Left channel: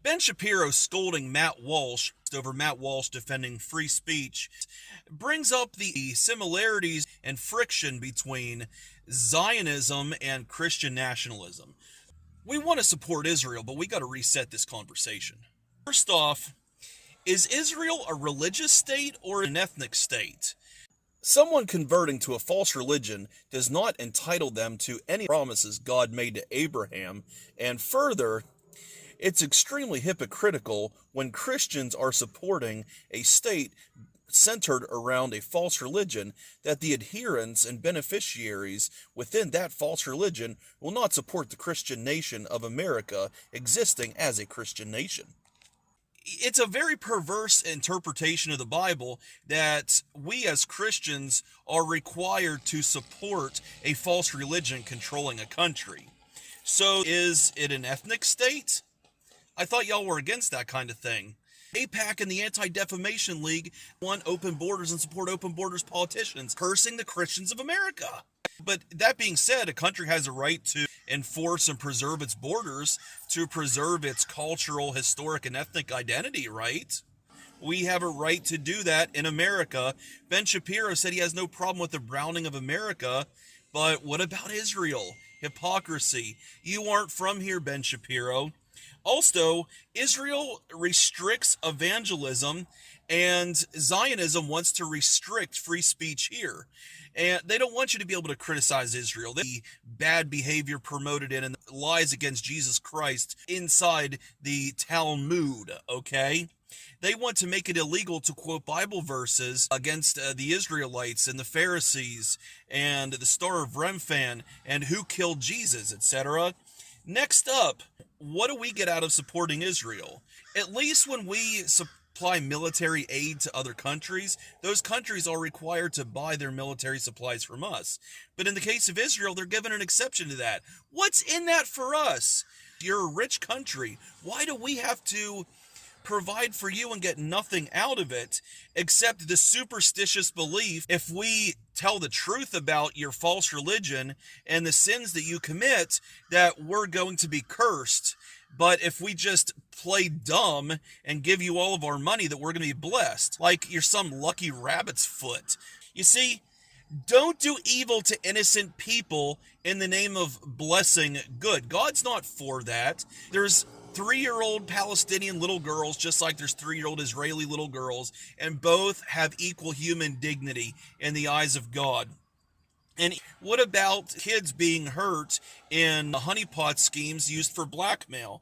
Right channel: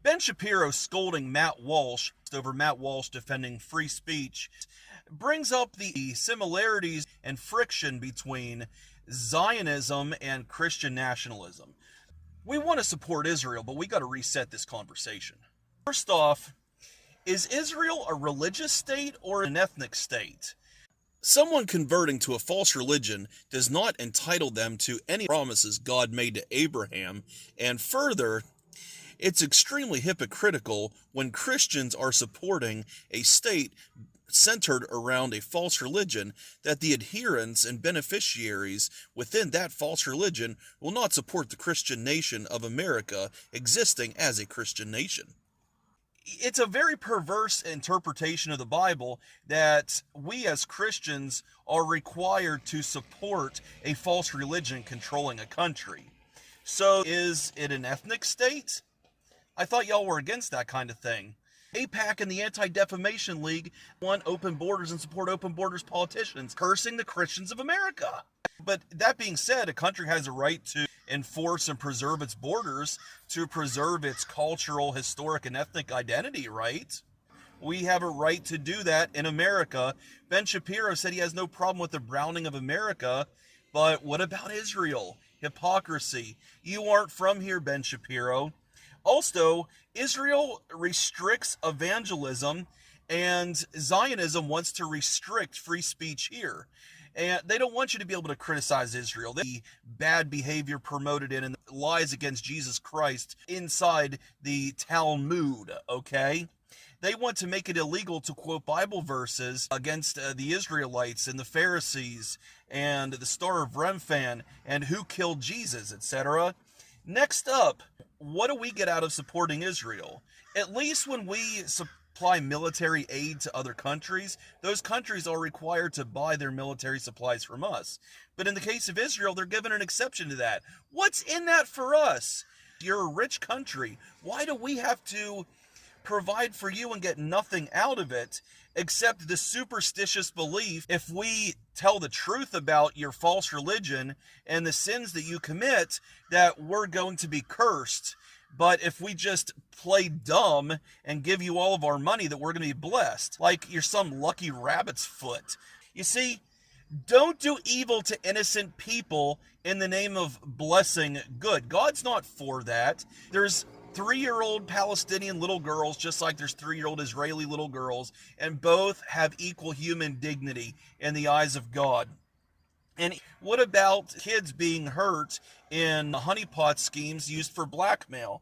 Ben Shapiro scolding Matt Walsh over Matt Walsh defending free speech brings up the similarities and friction between Zionism and Christian nationalism. We want to support Israel, but we got to reset this conversation. First off, is Israel a religious state or an ethnic state? Someone converting to a false religion does not entitle them to any promises God made to Abraham, and further, it's extremely hypocritical when Christians are supporting a state centered around a false religion that the adherents and beneficiaries within that false religion will not support the Christian nation of America existing as a Christian nation. It's a very perverse interpretation of the Bible that we as Christians are required to support a false religion controlling a country. So is it an ethnic state? I thought y'all were against that kind of thing. AIPAC and the Anti-Defamation League want open borders and support open borders politicians, cursing the Christians of America. But that being said, a country has a right to enforce and preserve its borders, to preserve its cultural, historic, and ethnic identity, right? We have a right to do that in America. Ben Shapiro said he has no problem with the browning of America, but what about Israel? Hypocrisy. You aren't from here, Ben Shapiro. Also, Israel restricts evangelism, and Zionism wants to restrict free speech here. And they don't want you to be able to criticize Israel. The bad behavior promoted in and lies against Jesus Christ inside the Talmud, okay? They want to make it illegal to quote Bible verses against the Israelites and the Pharisees and the Star of Remphan and who killed Jesus, etc. Next up, what do we get out of supporting Israel? At least when we supply military aid to other countries, those countries are required to buy their military supplies from us. But in the case of Israel, they're given an exception to that. What's in that for us? You're a rich country. Why do we have to provide for you and get nothing out of it except the superstitious belief if we tell the truth about your false religion and the sins that you commit that we're going to be cursed, but if we just play dumb and give you all of our money that we're going to be blessed, like you're some lucky rabbit's foot. You see, don't do evil to innocent people in the name of blessing good. God's not for that. There's 3-year-old Palestinian little girls, just like there's 3-year-old Israeli little girls, and both have equal human dignity in the eyes of God. And what about kids being hurt in honeypot schemes used for blackmail?